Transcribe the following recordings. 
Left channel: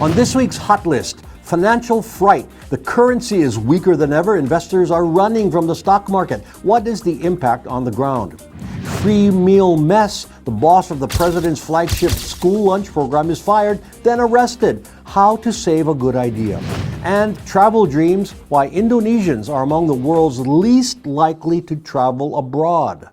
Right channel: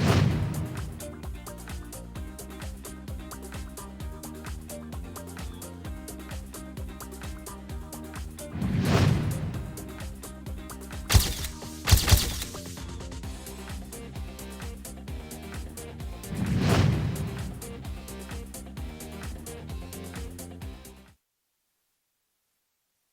On this week's Hot List, financial fright. The currency is weaker than ever. Investors are running from the stock market. What is the impact on the ground? Three-meal mess. The boss of the president's flagship school lunch program is fired, then arrested. How to save a good idea. And travel dreams. Why Indonesians are among the world's least likely to travel abroad.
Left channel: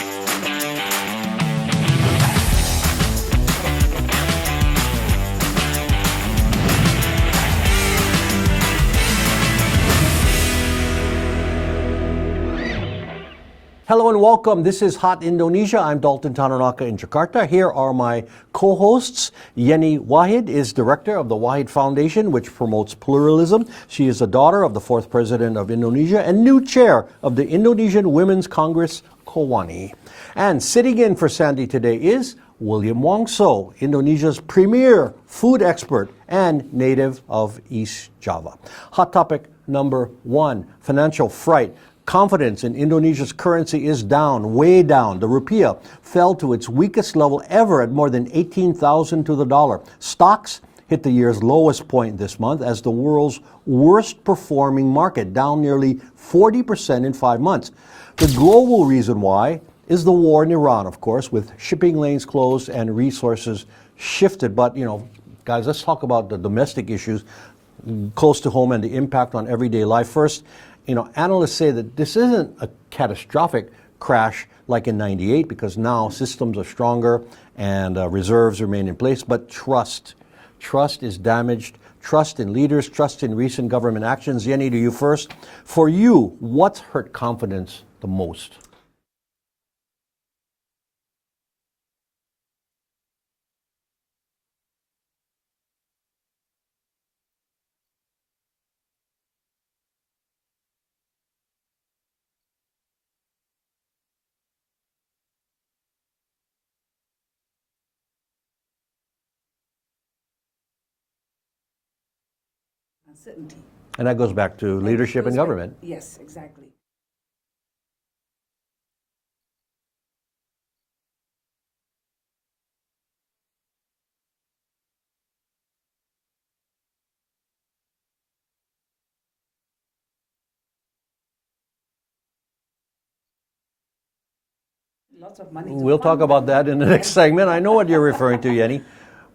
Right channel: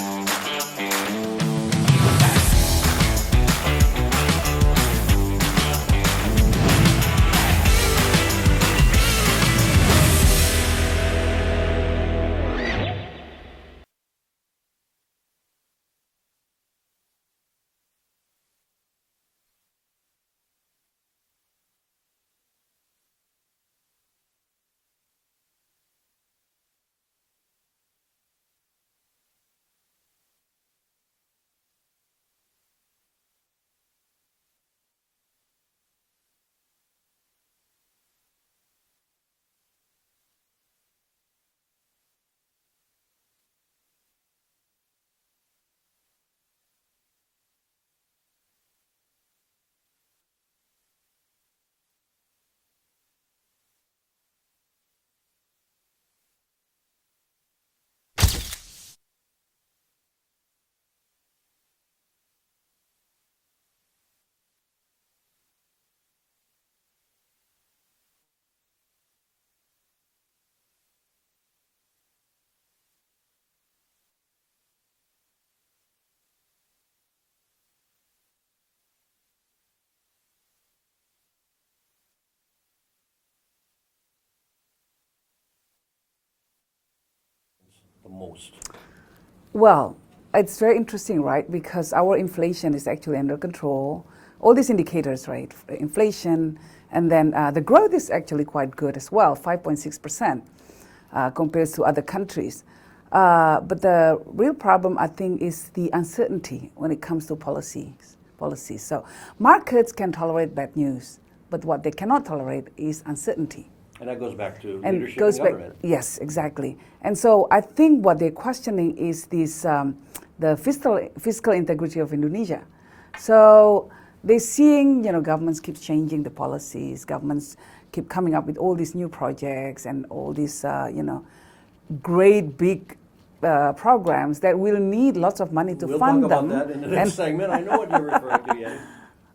Hello and welcome. This is Hot Indonesia. I'm Dalton Tanonaka in Jakarta. Here are my co-hosts. Yenny Wahid is director of the Wahid Foundation, which promotes pluralism. She is the daughter of the fourth president of Indonesia and new chair of the Indonesian Women's Congress, KOWANI. And sitting in for Sandy today is William Wongso, Indonesia's premier food expert and native of East Java. Hot topic number one, financial fright. Confidence in Indonesia's currency is down, way down. The Rupiah fell to its weakest level ever at more than 18,000 to the dollar. Stocks hit the year's lowest point this month as the world's worst performing market, down nearly 40% in 5 months. The global reason why is the war in Iran, of course, with shipping lanes closed and resources shifted. But, guys, let's talk about the domestic issues close to home and the impact on everyday life. First, analysts say that this isn't a catastrophic crash like in '98 because now systems are stronger and reserves remain in place, but trust is damaged. Trust in leaders, trust in recent government actions. Yenny, to you first. For you, what's hurt confidence the most? Well, it's very interesting, right? Because our inflation is actually under control. All these indicators, right? Inflation, and then the growth is actually quite good as well, 5.6%. Compared to other countries. But the real problem, I think, is the uncertainty when it comes to policies. So markets can tolerate bad news, but what they cannot tolerate is uncertainty. And that goes back to leadership and government. Yes, exactly. And so I think what they're questioning is this, the fiscal integrity of Indonesia. So they're seeing, governments keep changing the policies, governments keep coming up with all these new projects and all these, great big programs that will need lots of money to fund them. We'll talk about that in the next segment. I know what you're referring to, Yenny.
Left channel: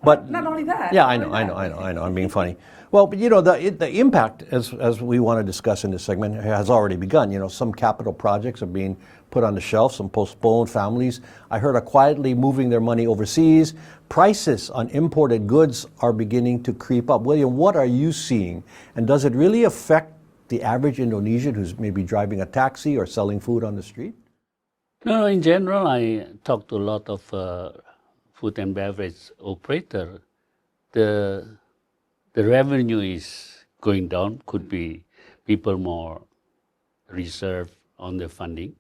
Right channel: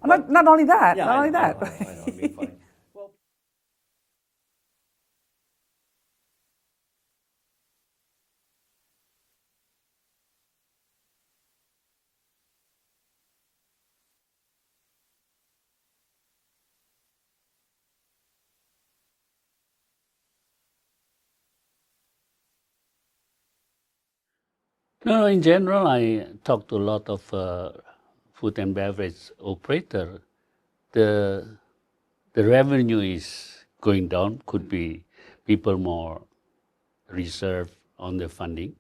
But not only that. Yeah, I know. I'm being funny. Well, but the impact, as we want to discuss in this segment, has already begun. Some capital projects are being put on the shelf, some postponed. Families, I heard, are quietly moving their money overseas. Prices on imported goods are beginning to creep up. William, what are you seeing? And does it really affect the average Indonesian who's maybe driving a taxi or selling food on the street? No, in general, I talked to a lot of food and beverage operator. The revenue is going down. Could be people more reserved on their funding.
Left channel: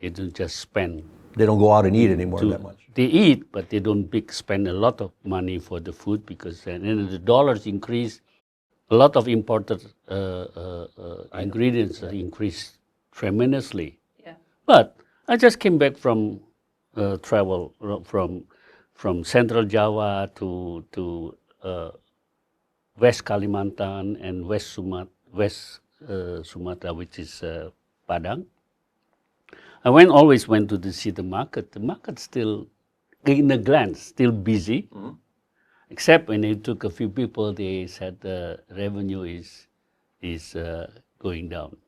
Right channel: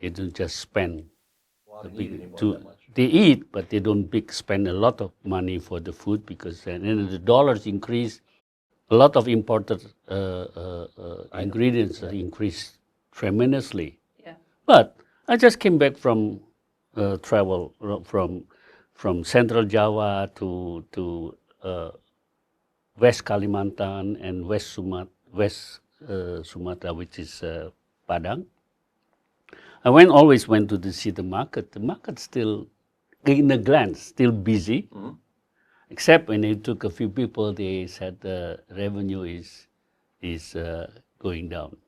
They don't just spend. They don't go out and eat anymore that much. They eat, but they don't spend a lot of money for the food because then the dollars increase. A lot of imported ingredients increased tremendously. Yeah. But I just came back from travel from Central Java to West Kalimantan and West Sumatra, which is Padang. I always went to see the market. The market still, in a glance, still busy. Mm-hmm. Except when it took a few people, they said the revenue is going down.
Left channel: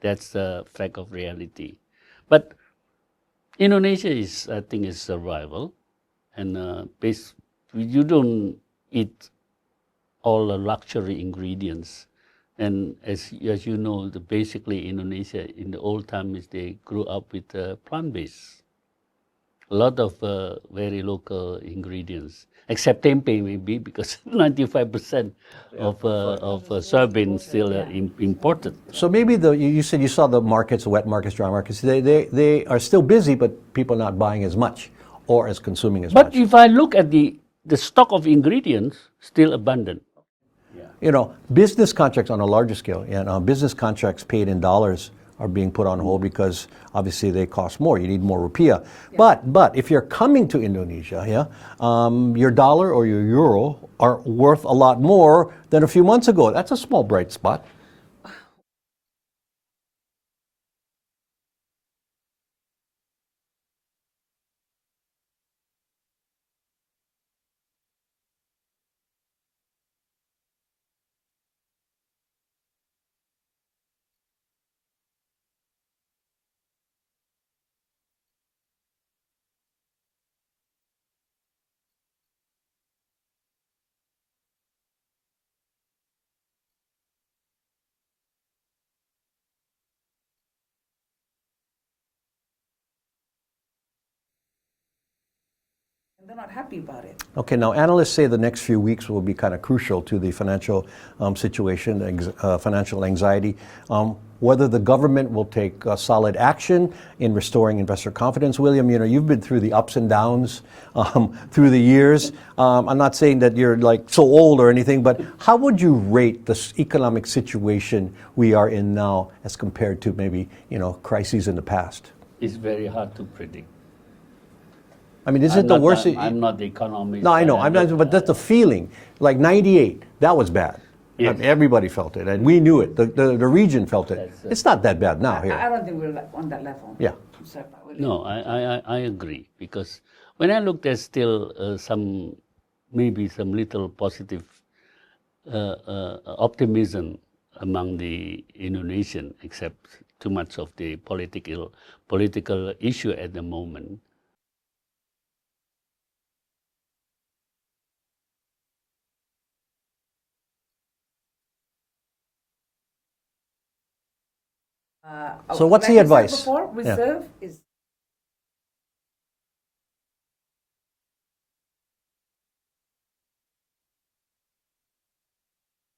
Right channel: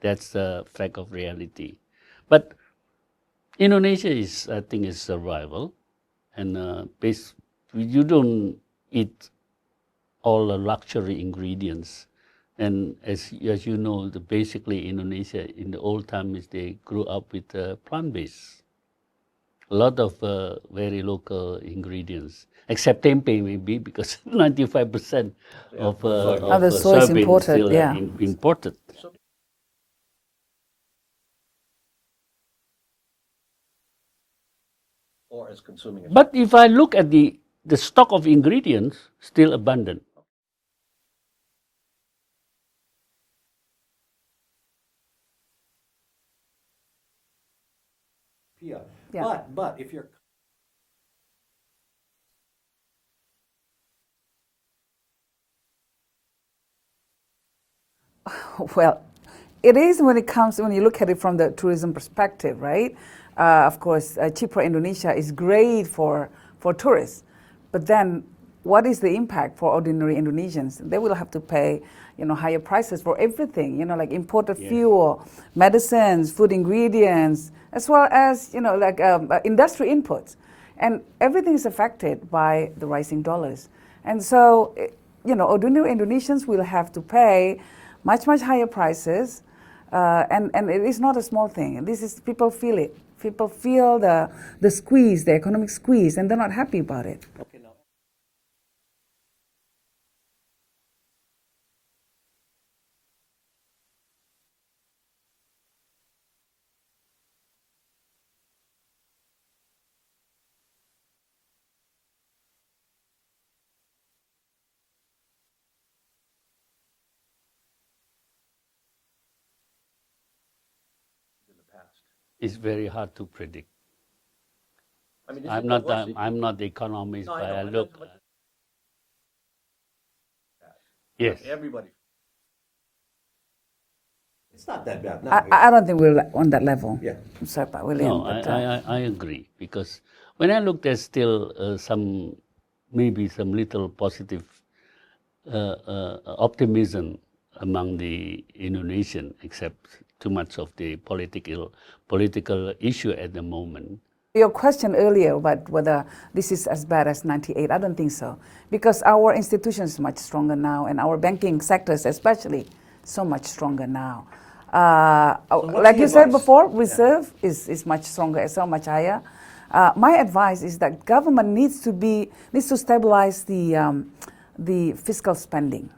That's the fact of reality. But Indonesia is, I think, is survival, and you don't eat all the luxury ingredients. And as you know, basically Indonesia in the old times they grew up with plant-based. A lot of very local ingredients, except tempeh maybe because 95% of soybean is still imported. So maybe you said you saw the markets, the wet markets, dry markets. They are still busy, but people are not buying as much or as consuming as much. But if I look at the stock of ingredients, still abundant. Business contracts on a larger scale, business contracts paid in dollars are being put on hold because obviously they cost more. You need more rupiah. But if you're coming to Indonesia, your dollar or your euro are worth a lot more than a few months ago. That's a small bright spot. Well, it is when you look at it from the tourism perspective, right? Of course, cheaper Indonesia is great for tourists. But then what is the impact for ordinary Indonesians? They will have to pay, higher prices for everything, like imported fuel, medicines, food ingredients, as well as, industry inputs. And everything is affected by the rising dollars. And so, ordinary Indonesians will have to pay much, much higher prices. And it is not a small thing. People feel it. People feel the squeeze, the economic squeeze, and they're not happy about it. Okay, now analysts say the next few weeks will be kind of crucial to the financial situation, financial anxiety. Whether the government will take solid action in restoring investor confidence. William, you've been through the ups and downs through the years. I'm not saying that you're like so old or anything, but how would you rate the economic situation we are in now as compared to maybe crises in the past? It's very hard to predict. I mean, is it the worst? I'm not the economist. No, I know. But that's the feeling. Like '98, that was bad. Yes. Everybody felt it, and we knew it. The region felt it. It's not that bad now. I don't think we're on that level. Yeah. I'm sorry, William. No, I agree, because when I looked, there's still maybe some little positive optimism among the Indonesian, except too much of the political issue at the moment. Your question earlier about whether this is as bad as '98, I don't think so. Because our institutions is much stronger now, and our banking sectors especially so much stronger now. So what's like the you advice? said before, reserve is much stronger, is so much higher. My advice is that government needs to stabilize the fiscal spending.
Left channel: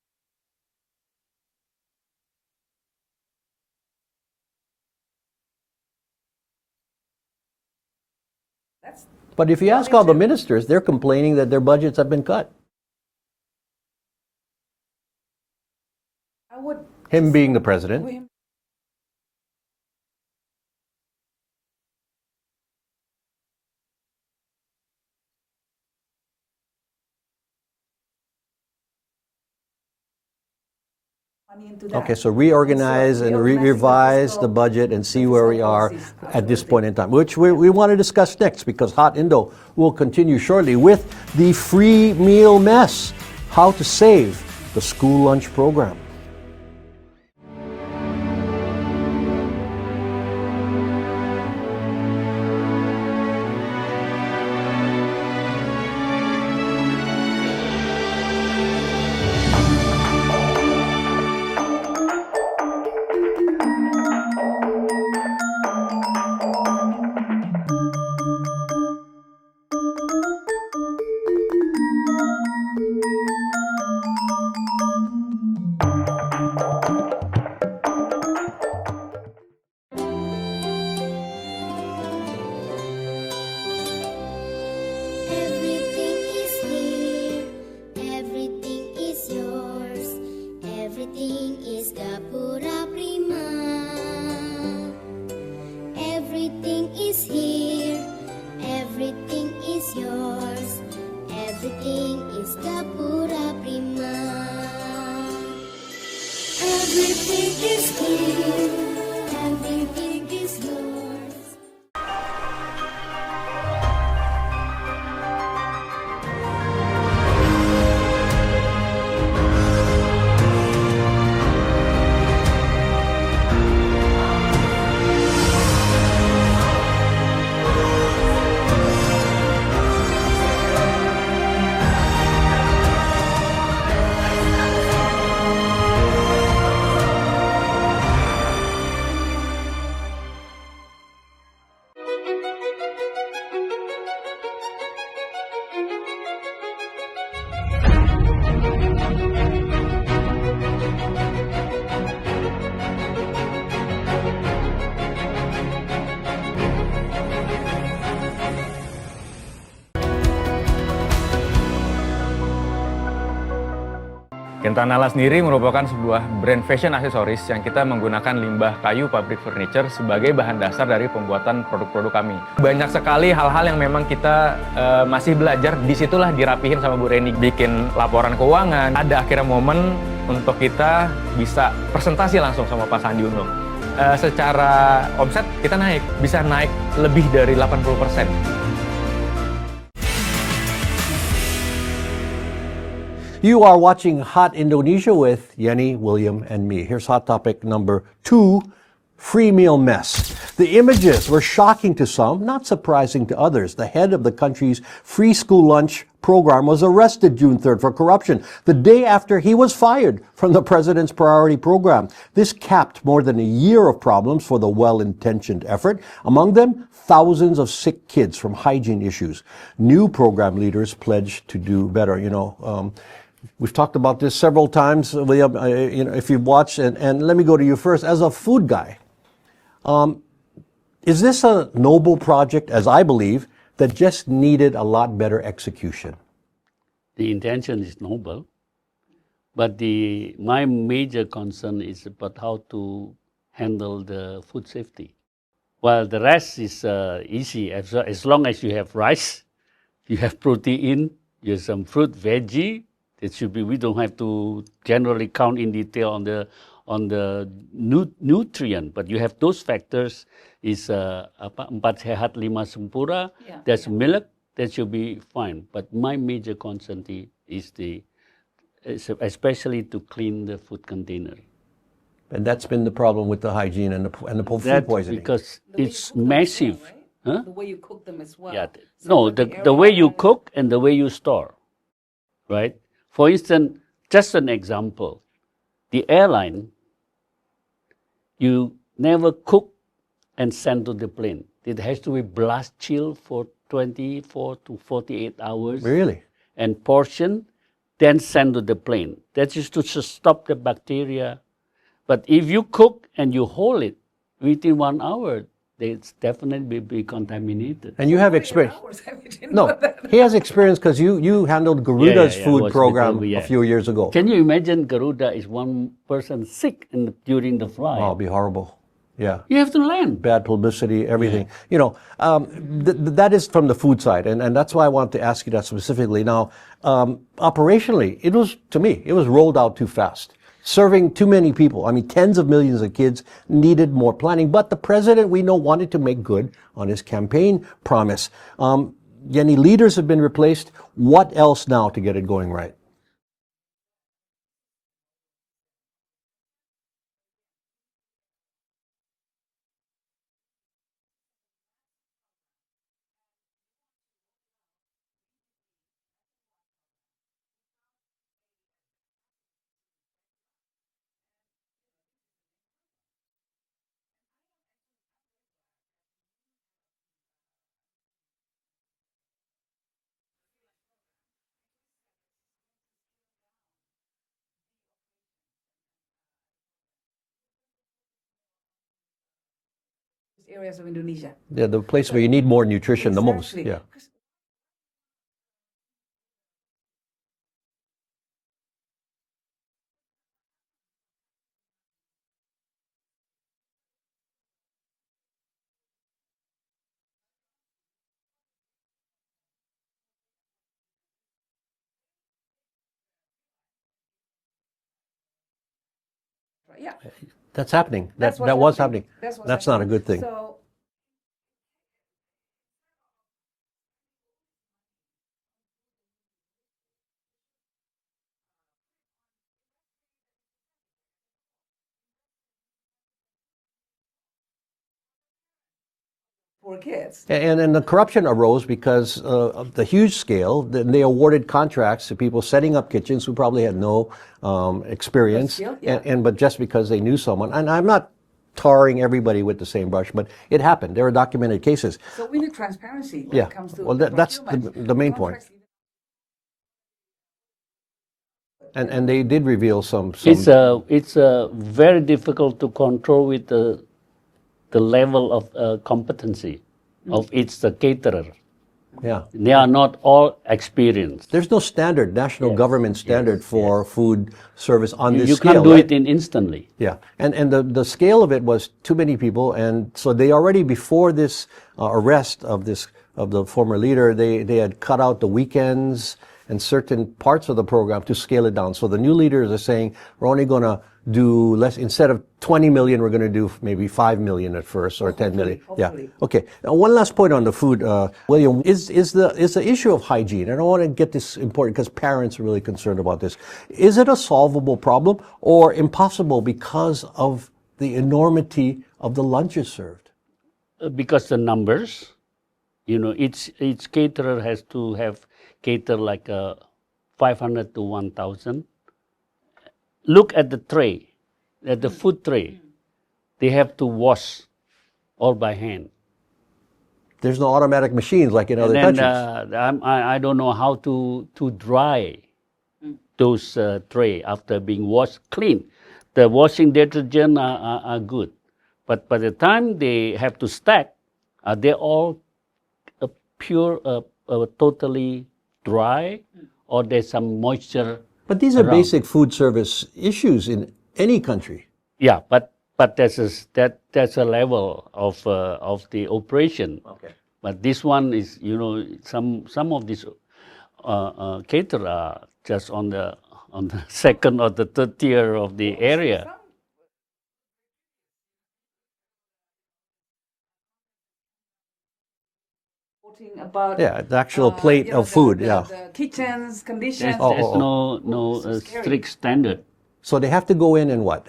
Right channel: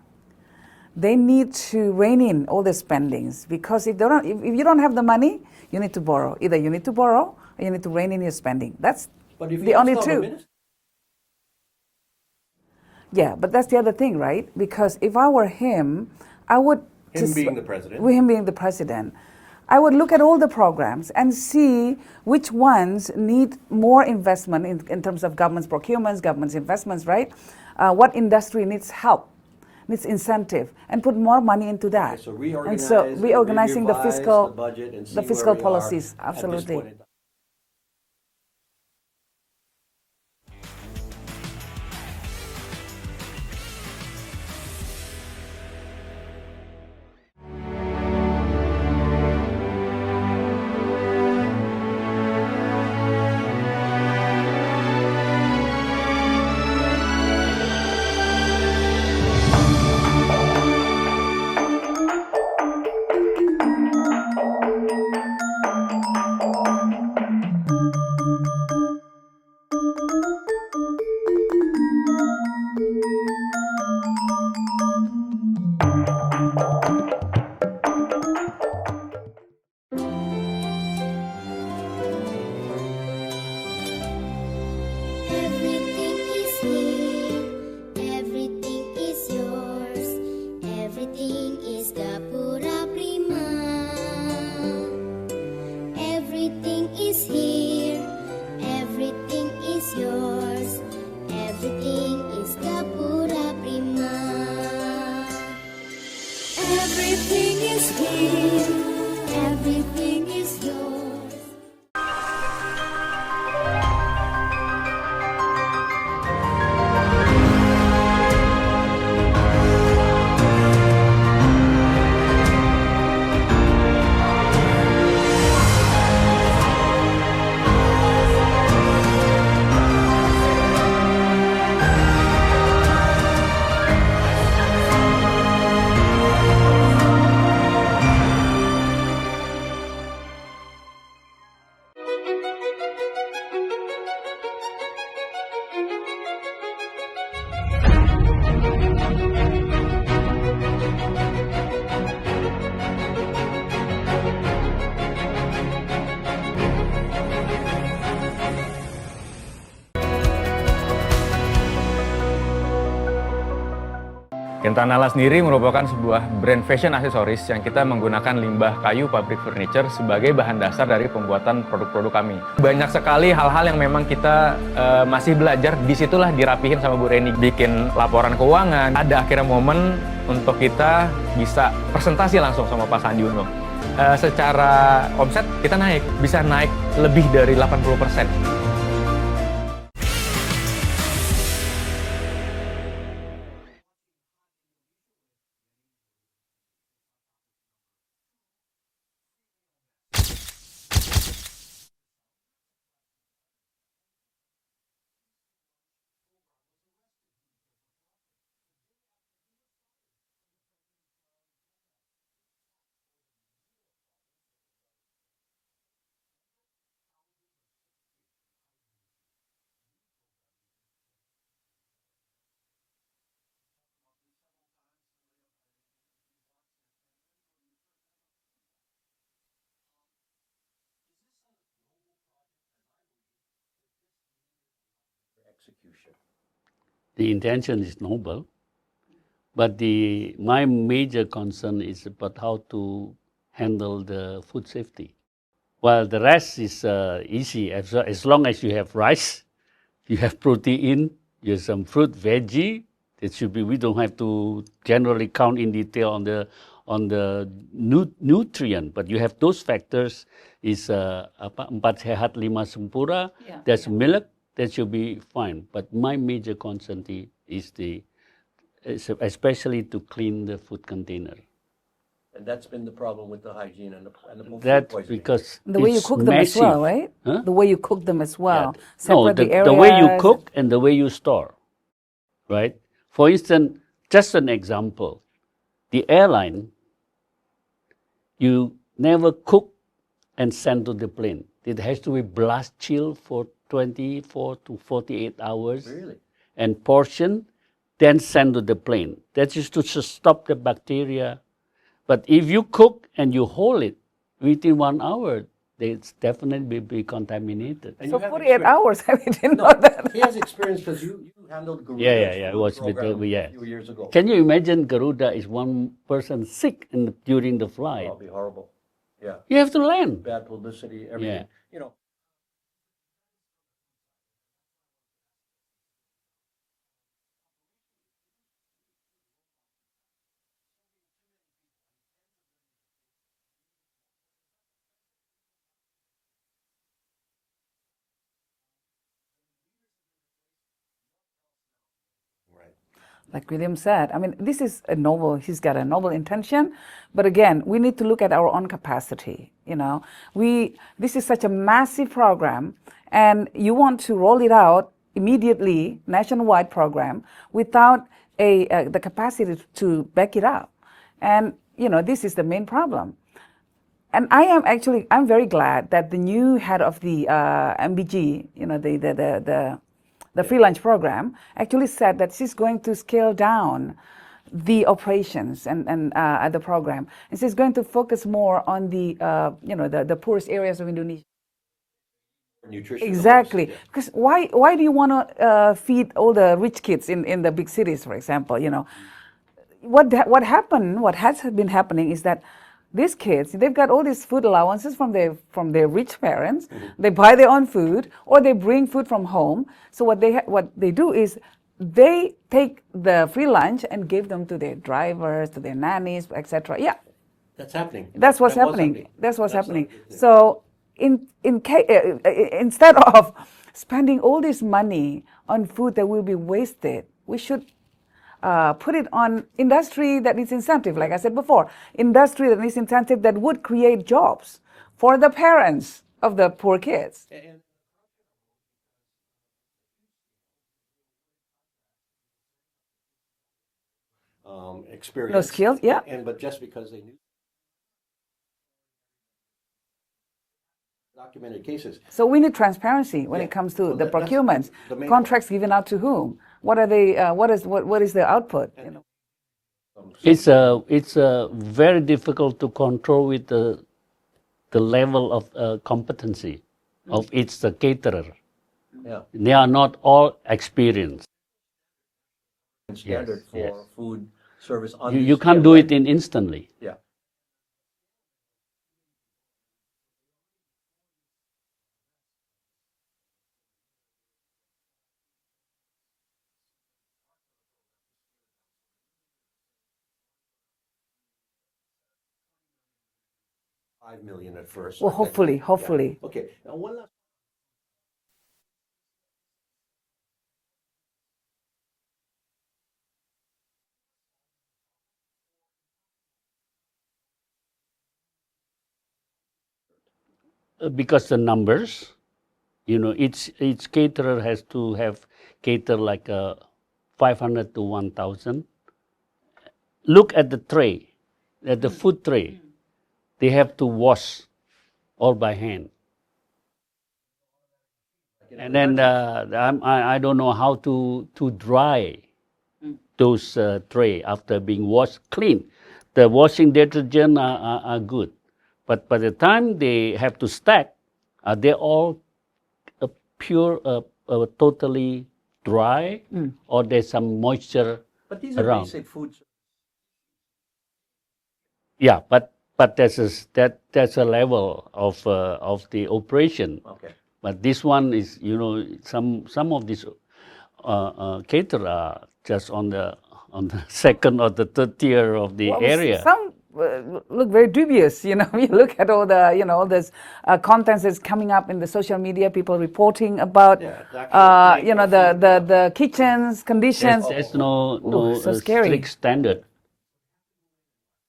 They need to rein in all the spendings, because if you don't have the money, you need to borrow. Either you need to borrow or you need to rein in your spending. But if you ask all the ministers, they're complaining that their budgets have been cut. Yeah, but that's the other thing, right? Because if I were him, I would... Him being the president? Him being the president. I would look at all the programs and see which ones need more investment in terms of government's procurements, government's investments, right? What industry needs help, needs incentive, and put more money into that. Okay, so reorganize and revise the budget and see where we are at this point in time, which we want to discuss next, because Hot Indo will continue shortly with the free meal mess, how to save the school lunch program. Quintanala sendiri merupakan sebuah brand fashion aksesoris yang kita menggunakan limbah kayu pabrik furniture sebagai bahan dasar dari pembuatan produk-produk kami. Banyak sekali hal-hal yang memang kita masih belajar, disitulah dirapihin sama Bu Reni. Bikin laporan keuangan, ada akhirnya momen untuk kita bisa presentasi langsung sama Pak Sandi Uno. Secara omset kita bisa naik lebih dari 80%. You are watching Hot Indonesia with Yenny, William, and me. Here's hot topic number 2, free meal mess. The images were shocking to some, not surprising to others. The head of the country's free school lunch program was arrested June 3rd for corruption, the day after he was fired from the president's priority program. This capped more than a year of problems for the well-intentioned effort. Among them, thousands of sick kids from hygiene issues. New program leaders pledged to do better. We've talked about this several times, William, if you've watched, and let me go to you first. As a food guy, is this a noble project, as I believe, that just needed a lot better execution? The intention is noble, but my major concern is about how to handle the food safety. While the rest is easy, as long as you have rice, you have protein, you have some fruit, veggie. It should be. We don't have to generally count in detail on the nutrient, but you have those factors. Is 4 sehat 5 sempurna. Yeah, there's milk. That should be fine. But my major concern is especially to clean the food container. And that's been the problem with the hygiene and the food That's poisoning. because the way you it's cook them massive. as well, right? Huh? The way you cook them as well. Yeah. No, Separate the way you areas. cook and the way you store, right? For instance, just an example, the airline, you never cook and send to the plane. It has to be blast chill for 24 to 48 hours. Really? And portion, then send to the plane. That is to stop the bacteria. But if you cook and you hold it within 1 hour, it's definitely be contaminated. And you have 48 experience. hours. I didn't No, know that. he has experience because you handled Garuda's Yeah, food was with program the- yeah. a few years ago. Can you imagine Garuda is one person sick during the flight? Oh, it'd be horrible. Yeah. You have to land. Bad publicity, everything. That is from the food side, and that's why I want to ask you that specifically. Now, operationally, it was rolled out too fast. Serving too many people. I mean, tens of millions of kids needed more planning. But the president, we know, wanted to make good on his campaign promise. Yenny, leaders have been replaced. What else now to get it going right? Like William said, I mean, this is he's got a noble intention, but again, we need to look at our own capacity. This is such a massive program, and you want to roll it out immediately, nationwide program, without the capacity to back it up. And, this is the main problem. And I'm very glad that the new head of the MBG, the free lunch program, actually said that she's going to scale down the operations and the program. And she's going to focus more on the poorest areas of Indonesia. Yeah, the place where you need more nutrition Exactly. the most. Yeah. Because why do you want to feed all the rich kids in the big cities, for example? What has been happening is that these kids, they've got all these food allowances from their rich parents. Mm-hmm. They buy their own food, or they bring food from home. So what they do is they take the free lunch and give them to their drivers, to their nannies, etc. Yeah, that's happening. That's what's was happening. That's not a good thing. So instead of spending all this money on food that will be wasted, we should put it on industry that needs incentive. Like I said before, industry that needs incentive that would create jobs for the parents of the poor kids. And the corruption arose because of the huge scale. They awarded contracts to people setting up kitchens who probably had no experience. No skills, yeah. But just because they knew someone. And I'm not tarring everybody with the same brush, but it happened. There are documented cases. So we need transparency when it comes to the procurement. That's the main contracts point. given out to whom? What are they? What is the output? And they did reveal some. It's very difficult to control with the level of competency of each caterer. Yeah. They are not all experienced. There's no standard, national government standard for food service on this You scale. can't do right? it instantly. Yeah, and the scale of it was too many people, and so they already before this arrest of the former leader, they had cut out the weekends and certain parts of the program to scale it down. So the new leaders are saying we're only going to do less. Instead of 20 million, we're going to do maybe 5 million at first, or 10 million. Hopefully. Yeah. Okay. Now, one last point on the food, William, is the issue of hygiene. And I want to get this important because parents are really concerned about this. Is it a solvable problem or impossible because of the enormity of the lunches served? Because the numbers, each caterer has to cater like 500 to 1,000. Look at the tray, at the food tray. They have to wash all by hand. There's no automatic machines like in other And countries. then I don't know how to dry those tray after being washed clean. The washing detergent are good, but by the time they have to stack, they're all pure, totally dry, or there's some moisture. But these are around. basic food service issues in any country. Yeah, but that's a level of the operation. Okay. But this one is, some of these caterers are just on the second or the third tier of the area. Some look very dubious. You look at all the, all this contents that's coming up in the social media, people reporting about Yeah, the actual plate of food. the kitchens conditions. There's no so scary. strict standard. So they have to go in and what?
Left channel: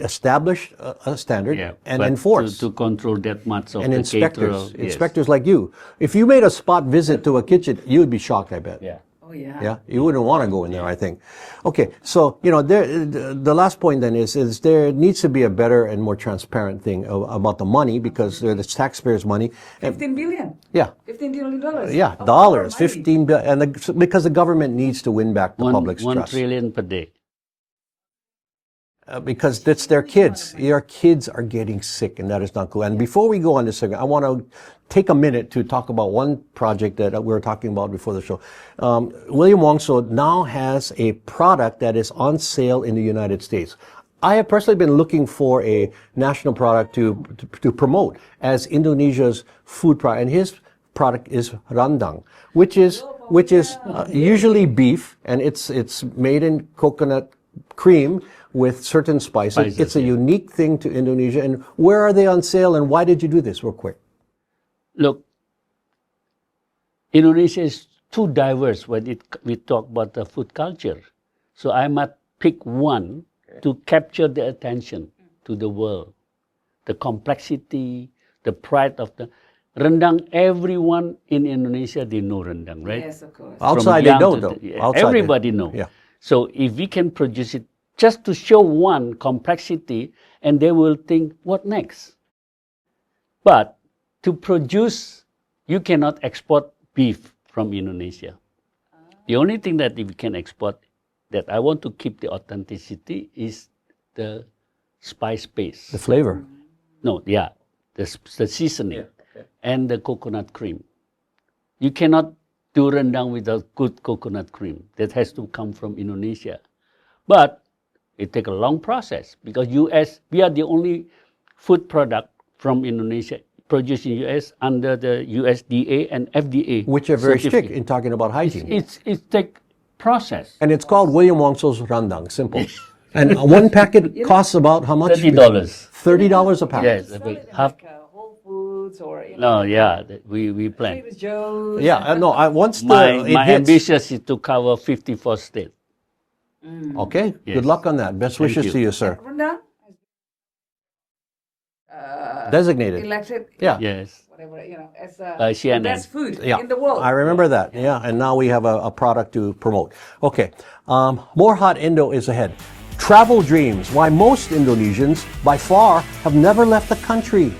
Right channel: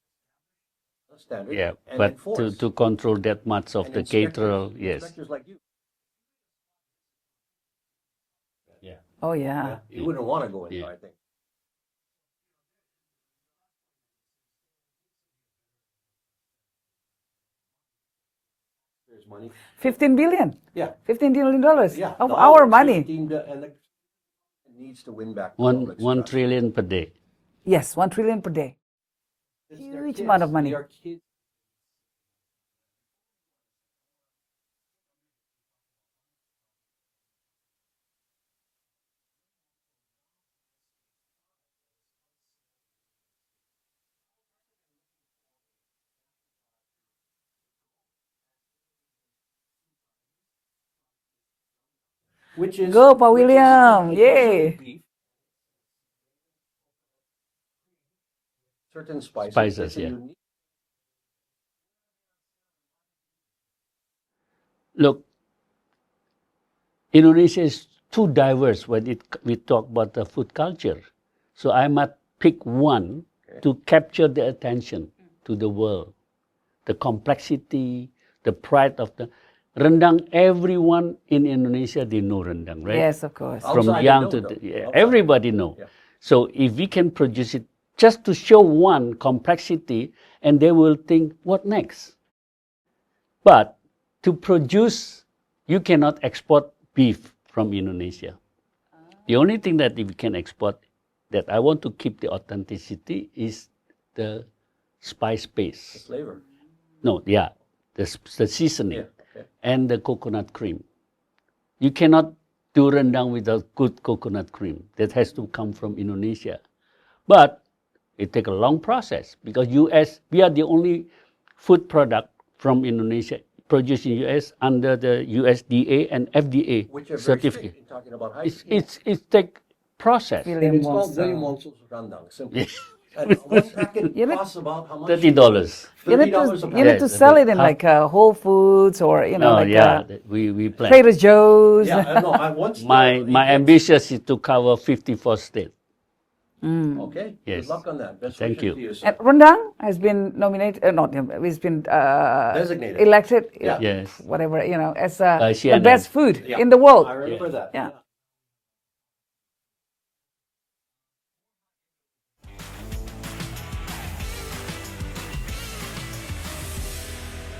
Establish a standard and but enforce. to control that much of and the caterer. inspectors like you. If you made a spot visit to a kitchen, you'd be shocked, I bet. Yeah. Oh yeah. Yeah, you wouldn't want to go in there, I think. Okay, so the last point then is there needs to be a better and more transparent thing about the money because it's taxpayers' money. And, 15 billion. yeah, $15 billion. yeah, Of dollars, our money. 15 billion, and because the government needs to win back the public's 1 trust. trillion per day. Yes, 1 trillion per day. Because that's their Huge amount kids. of money. Your kids are getting sick, and that is not cool. And before we go on this segment, I want to take a minute to talk about one project that we were talking about before the show. William Wongso now has a product that is on sale in the United States. I have personally been looking for a national product to promote as Indonesia's food product, and his product is rendang, which is William. usually Yay. beef, and it's made in coconut cream with certain spices. It's a yeah. unique thing to Indonesia. And where are they on sale, and why did you do this, real quick? Look, Indonesia is too diverse when we talk about the food culture. So I must pick one to capture the attention to the world. The complexity, the pride of the rendang. Everyone in Indonesia, they know rendang, right? Yes, of course. Outside they young know, to though. the- Outside everybody they- know. yeah. So if we can produce it just to show one complexity, and they will think, what next? But to produce, you cannot export beef from Indonesia. The only thing that we can export that I want to keep the authenticity is the spice base. The flavor. No, yeah, the seasoning and the coconut cream. You cannot do rendang without good coconut cream. That has to come from Indonesia. But it takes a long process because US, we are the only food product from Indonesia produced in US under the USDA and FDA Which are very certificate. strict in talking about hygiene. It's take process. And it's called William Wongso's rendang. Simple. And one packet costs about how much? $30. $30 a You packet. need to sell it in Half- like Whole Foods or No, like, yeah, we plan. Trader Joe's. Yeah, no. Once My it hits- ambition is to cover 54 states. Okay, Yes. good luck on that. Best Thank wishes you. to you, sir. And rendang has been nominated, it's been Designated. elected, Yeah. Yes. whatever, as By the CNN. best food Yeah, in the world. I remember that. Yeah, and now we have a product to promote. Okay, more Hot Indo is ahead. Travel dreams, why most Indonesians by far have never left the country.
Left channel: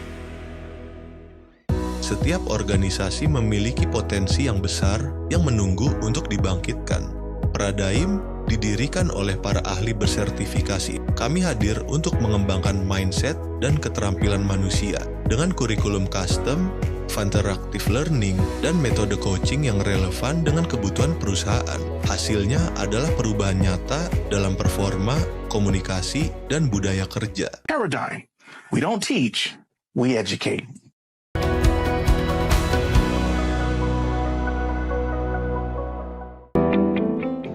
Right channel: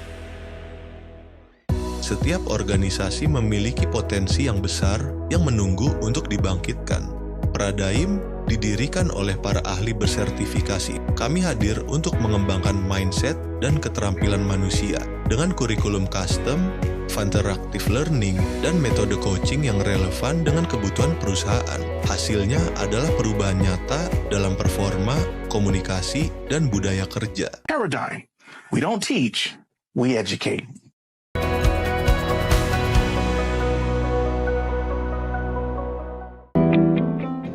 Setiap organisasi memiliki potensi yang besar yang menunggu untuk dibangkitkan. Pradaim didirikan oleh para ahli bersertifikasi. Kami hadir untuk mengembangkan mindset dan keterampilan manusia dengan kurikulum custom, interactive learning, dan metode coaching yang relevan dengan kebutuhan perusahaan. Hasilnya adalah perubahan nyata dalam performa, komunikasi, dan budaya kerja. Paradigm. We don't teach, we educate.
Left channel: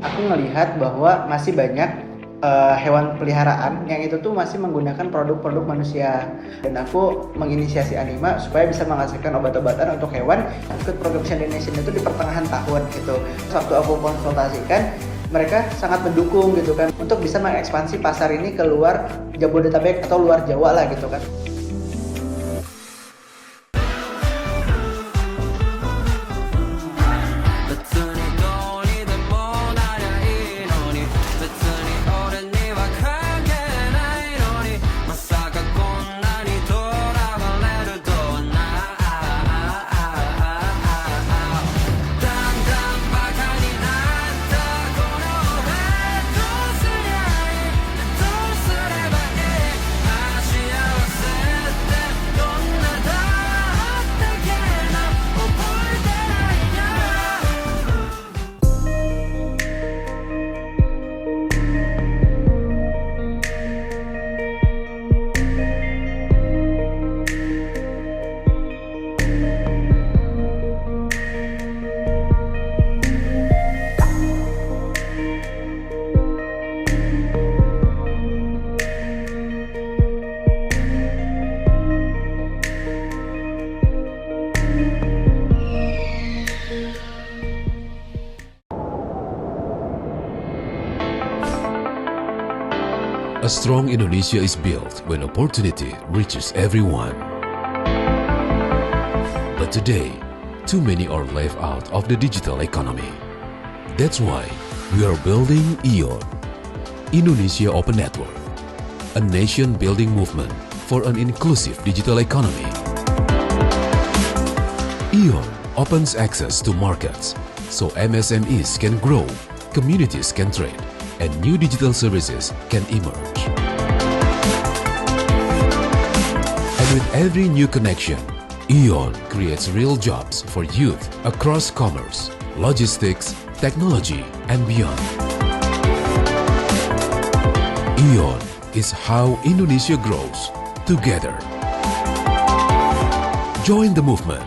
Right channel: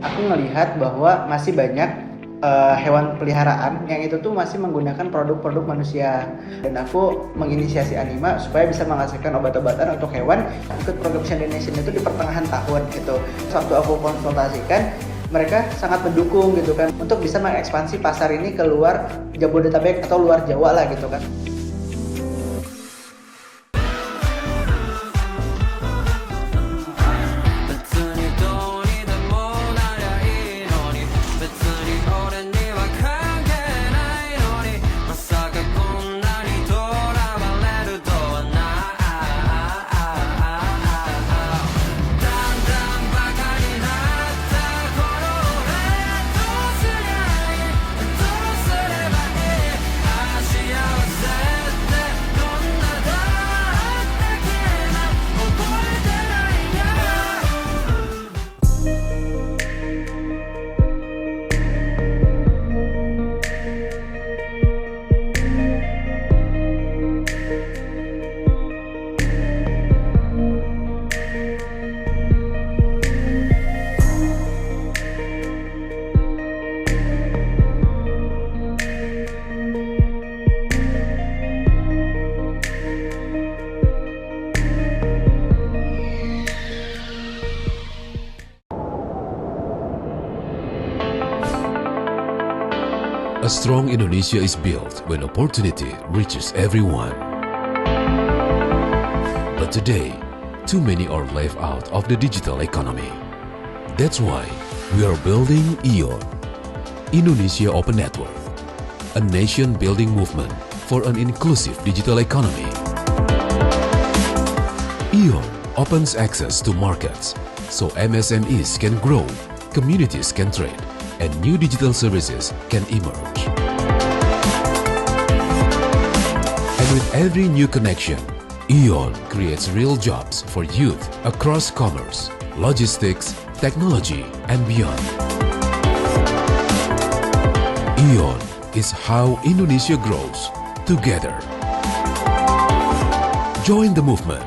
Aku melihat bahwa masih banyak hewan peliharaan yang itu tuh masih menggunakan produk-produk manusia, dan aku menginisiasi Anima supaya bisa menghasilkan obat-obatan untuk hewan. Ikut program Hot Indonesia itu di pertengahan tahun gitu. Waktu aku konsultasikan, mereka sangat mendukung gitu kan untuk bisa mengekspansi pasar ini ke luar Jabodetabek atau luar Jawa lah gitu kan. A strong Indonesia is built when opportunity reaches everyone. But today, too many are left out of the digital economy. That's why we are building ION, Indonesia Open Network, a nation-building movement for an inclusive digital economy. ION opens access to markets so MSMEs can grow, communities can trade, and new digital services can emerge. And with every new connection, ION creates real jobs for youth across commerce, logistics, technology, and beyond. ION is how Indonesia grows together. Join the movement.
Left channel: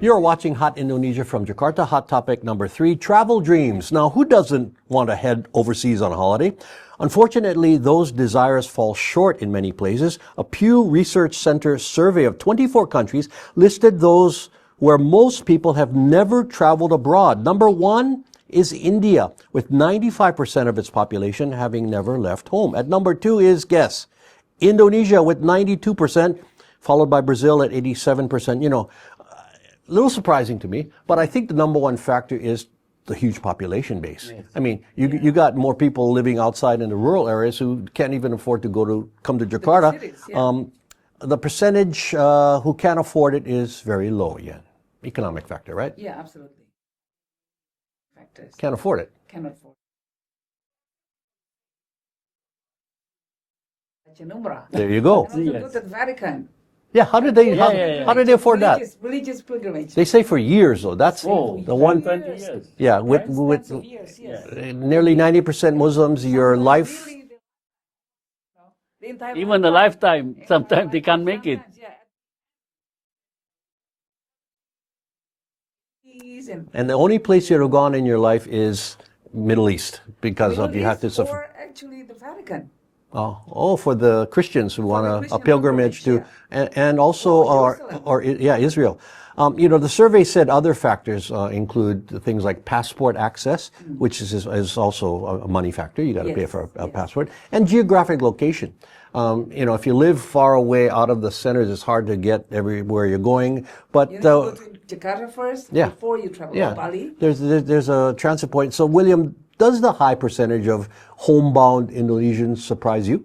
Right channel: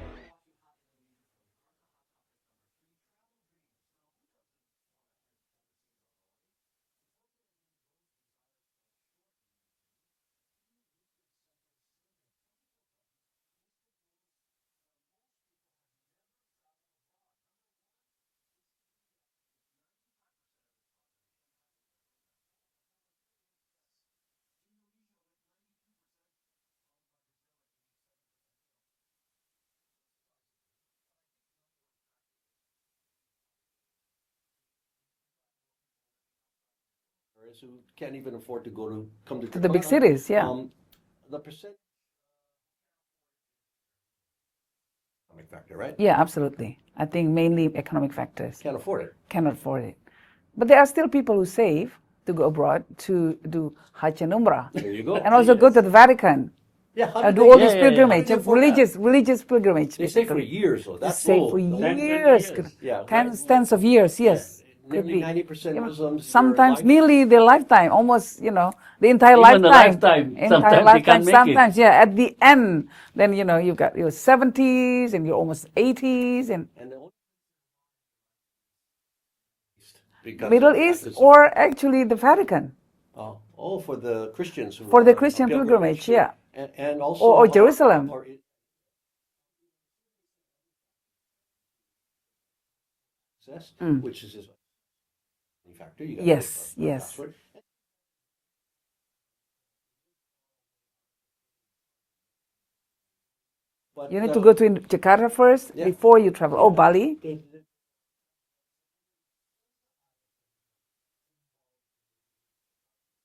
You're watching Hot Indonesia from Jakarta. Hot topic number 3, travel dreams. Now, who doesn't want to head overseas on a holiday? Unfortunately, those desires fall short in many places. A Pew Research Center survey of 24 countries listed those where most people have never traveled abroad. Number 1 is India, with 95% of its population having never left home. At number 2 is, guess, Indonesia with 92%, followed by Brazil at 87%. You know, a little surprising to me, but I think the number one factor is the huge population base. Yes. I mean, you got more people living outside in the rural areas who can't even afford to come to Jakarta. The big cities, yeah. The percentage who can't afford it is very low yet. Economic factor, right? Yeah, absolutely. I think mainly economic factors. Can't afford it. Cannot afford it. But there are still people who save to go abroad to do Hajj and Umrah. There you go. And also go to the Vatican. Yeah, how did do they, all those pilgrimages, how did they afford religious, that? Religious pilgrimage. They say for years, though. That's Say for the one. years. Yeah, Tens of years, yes. Nearly 90% Muslims, your Sometimes life. nearly their lifetime, almost, you know, the entire Even lifetime. the lifetime, Entire sometimes they can't make it. Sometimes, yeah, at the end, then, you know, you've got your 70s and your almost 80s. And the only place you've gone in your life is Middle East because Middle of the East or actually the Vatican. Oh, for the Christians who For want the a Christian pilgrimage to, pilgrimage, and also Or Jerusalem. Israel. You know, the survey said other factors include things like passport access, which is also a money factor. You got to pay for a passport, and geographic location. You know, if you live far away out of the centers, it's hard to get everywhere you're going. But You need to go to Jakarta first before you travel. Or Bali. There's a transit point. So, William, does the high percentage of homebound Indonesians surprise you?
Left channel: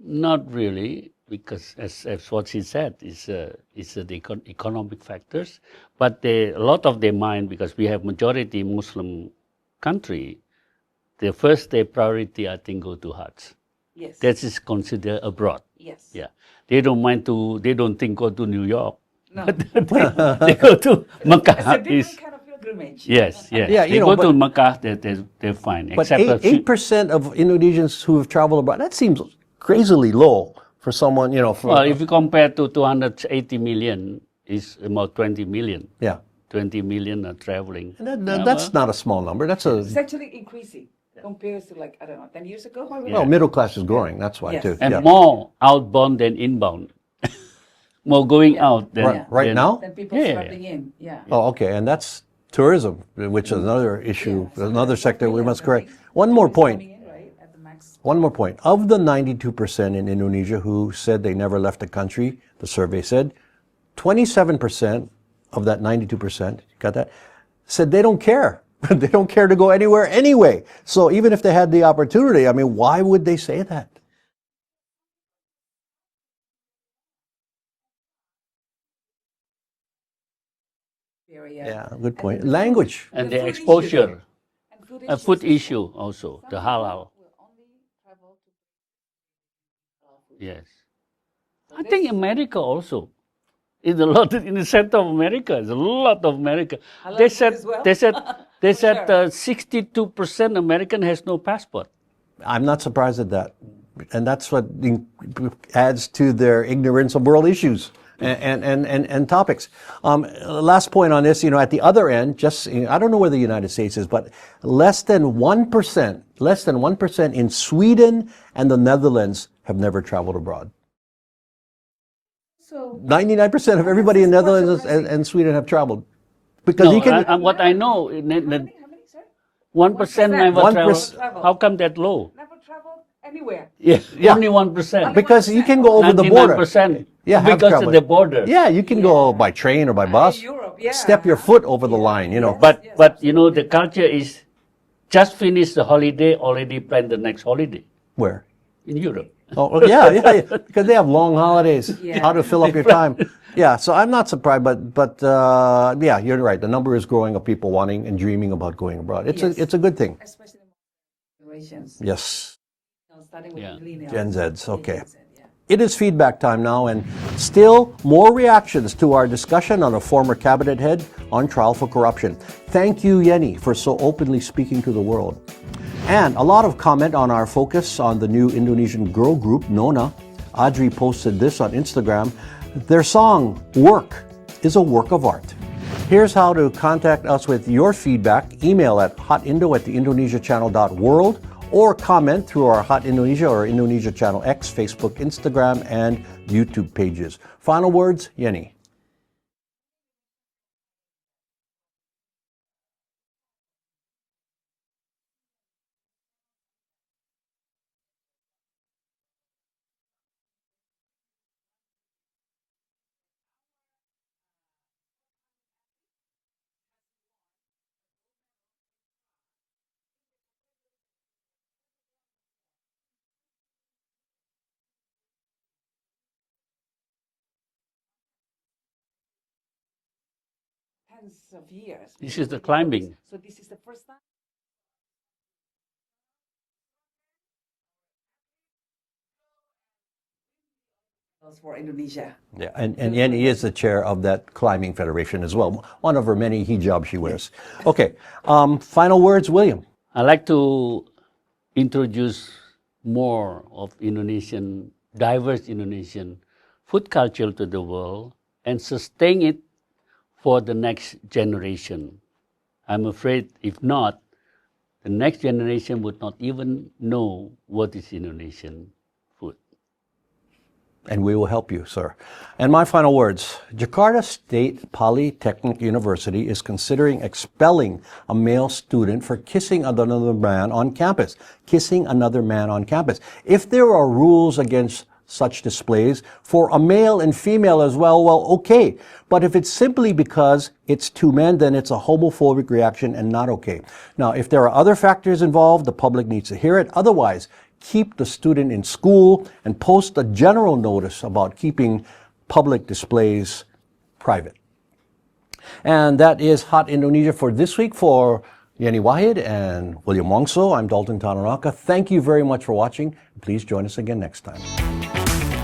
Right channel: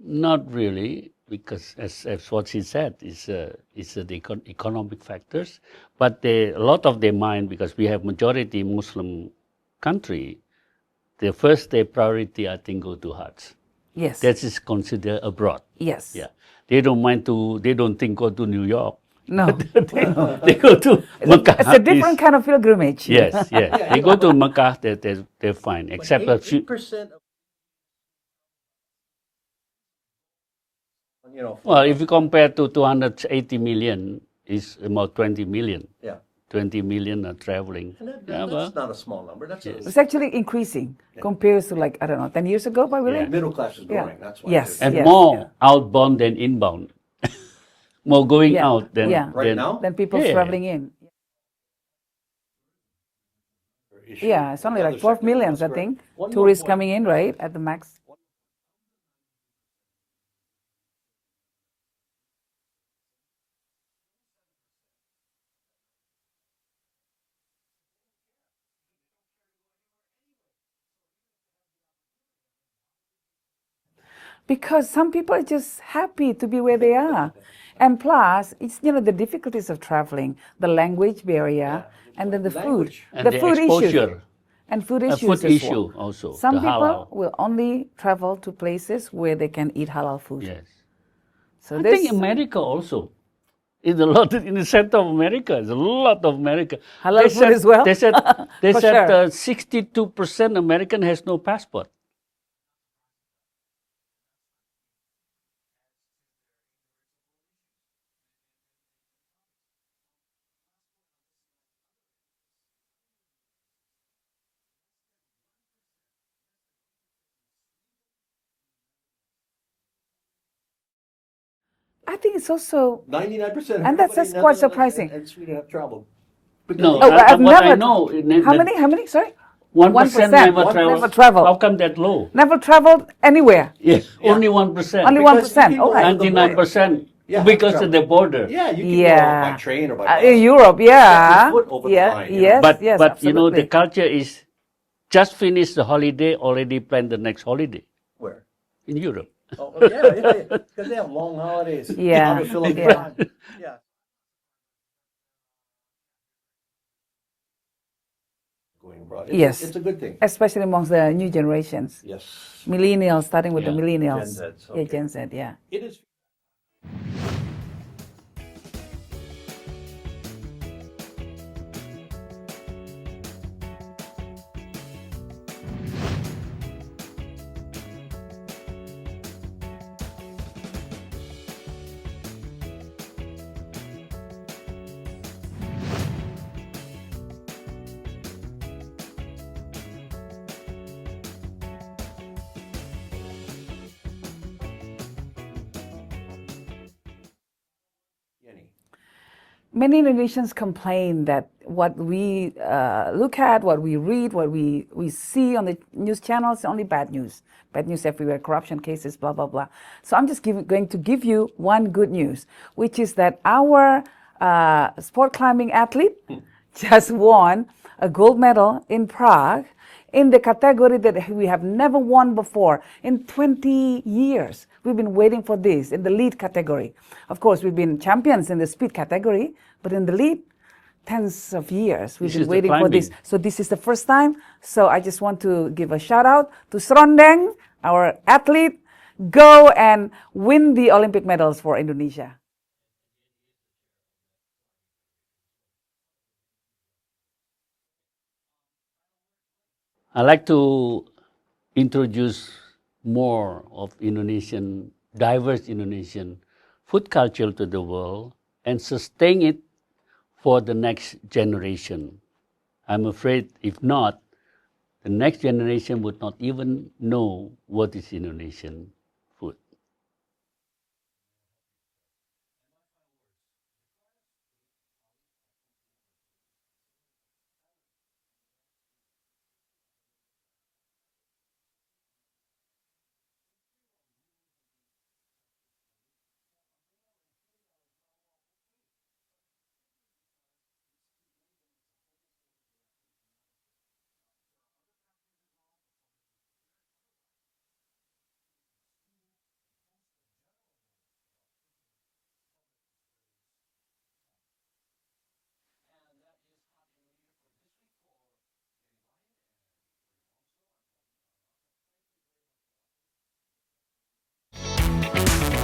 Not really. because as what she said, is the economic factors. But a lot of their mind, because we have majority Muslim country, the first their priority, I think, go to Hajj. Yes. That is considered abroad. Yes. Yeah, they don't think go to New York. No. They go to Mecca. It's a different kind of pilgrimage. Yes, yes. Yeah, they you go know, to Mecca, they're fine. But Except a few- 8% of Indonesians who have traveled abroad, that seems crazily low for someone, you know. well, if you compare to 280 million, it's about 20 million. yeah. 20 million are traveling. That's not a small number. That's a It's actually increasing compared to, like, I don't know, 10 years ago, probably. no, middle class is growing. That's why Yes. too. And Yeah. more outbound than inbound. More going Yeah. out than Yeah. Right than- now? Then people Yeah. traveling in. Yeah. Oh, okay, and that's tourism, which is another issue, Yeah, something another like 12 sector we millions, must I correct. think. One more Tourists point. coming in, right, at the max. One more point. Of the 92% in Indonesia who said they never left the country, the survey said, 27% of that 92%, got that, said they don't care. They don't care to go anywhere anyway. So even if they had the opportunity, I mean, why would they say that? Because some people are just happy to be where they are. And plus, it's, you know, the difficulties of traveling, the language barrier. Yeah, good and point. the Language. Food, And the food exposure. Issues, and food A issues. food as issue well. also, Some the people halal. will only travel to places where they can eat halal food. Yes. So I there's- think America also. In a lot in the center of America, there's a lot of America. Halal food as well? They said For sure. 62% American has no passport. I'm not surprised at that. And that's what adds to their ignorance of world issues and topics. Last point on this, you know, at the other end, just, I don't know where the United States is, but less than 1% in Sweden and the Netherlands have never traveled abroad. I think it's also 99% of And everybody in that's quite Netherlands surprising. and Sweden have traveled. Because No, you can- but I've what I never- know, how many? Sorry, 1% never 1% travel. travel. How come that low? Never traveled anywhere. Yes, Yeah. only 1%. Only because you 1%, can go okay. over the border. 99% Yeah, have because of traveled. the border. Yeah, you can go by train or by bus. In Europe, yeah. Step your foot over the Yeah, line, you know. yes, But yes, but you know the absolutely. culture is just finish the holiday, already plan the next holiday Where? in Europe. Oh, yeah, because they have long holidays. Yeah. How to fill up your time. Yeah, so I'm not surprised, but yeah, you're right. The number is growing of people wanting and dreaming about going abroad. It's a good thing. Especially amongst the new generations. Yes. Millennials, starting with the Yeah. millennials. Gen Zs, okay. Yeah, Gen Z, yeah. It is feedback time now, and still more reactions to our discussion on a former cabinet head on trial for corruption. Thank you, Yenny, for so openly speaking to the world. And a lot of comment on our focus on the new Indonesian girl group, Nona. Audrey posted this on Instagram. Their song, Work, is a work of art. Here's how to contact us with your feedback. Email at hotindo@theindonesiachannel.world or comment through our Hot Indonesia or Indonesia Channel X, Facebook, Instagram, and YouTube pages. Final words, Yenny. Many Indonesians complain that what we look at, what we read, what we see on the news channels is only bad news. Bad news everywhere, corruption cases, blah, blah, blah. So I'm just going to give you one good news, which is that our sport climbing athlete just won a gold medal in Prague in the category that we have never won before in 20 years. We've been waiting for this in the lead category. Of course, we've been champions in the speed category, but in the lead, tens of years. We've This been is the waiting for this. climbing. So this is the first time. So I just want to give a shout out to Srondeng, our athlete. Go and win the Olympic medals for Indonesia. Yeah, and Yenny is the chair of that climbing federation as well. One of her many hijabs she wears. Okay, final words, William. I like to introduce more of diverse Indonesian food culture to the world and sustain it for the next generation. I'm afraid if not, the next generation would not even know what is Indonesian food. And we will help you, sir. And my final words. Jakarta State Polytechnic University is considering expelling a male student for kissing another man on campus. Kissing another man on campus. If there are rules against such displays for a male and female as well, okay. But if it's simply because it's two men, then it's a homophobic reaction and not okay. Now, if there are other factors involved, the public needs to hear it. Otherwise, keep the student in school and post a general notice about keeping public displays private. And that is Hot Indonesia for this week. For Yenny Wahid and William Wongso, I'm Dalton Tanonaka. Thank you very much for watching. Please join us again next time.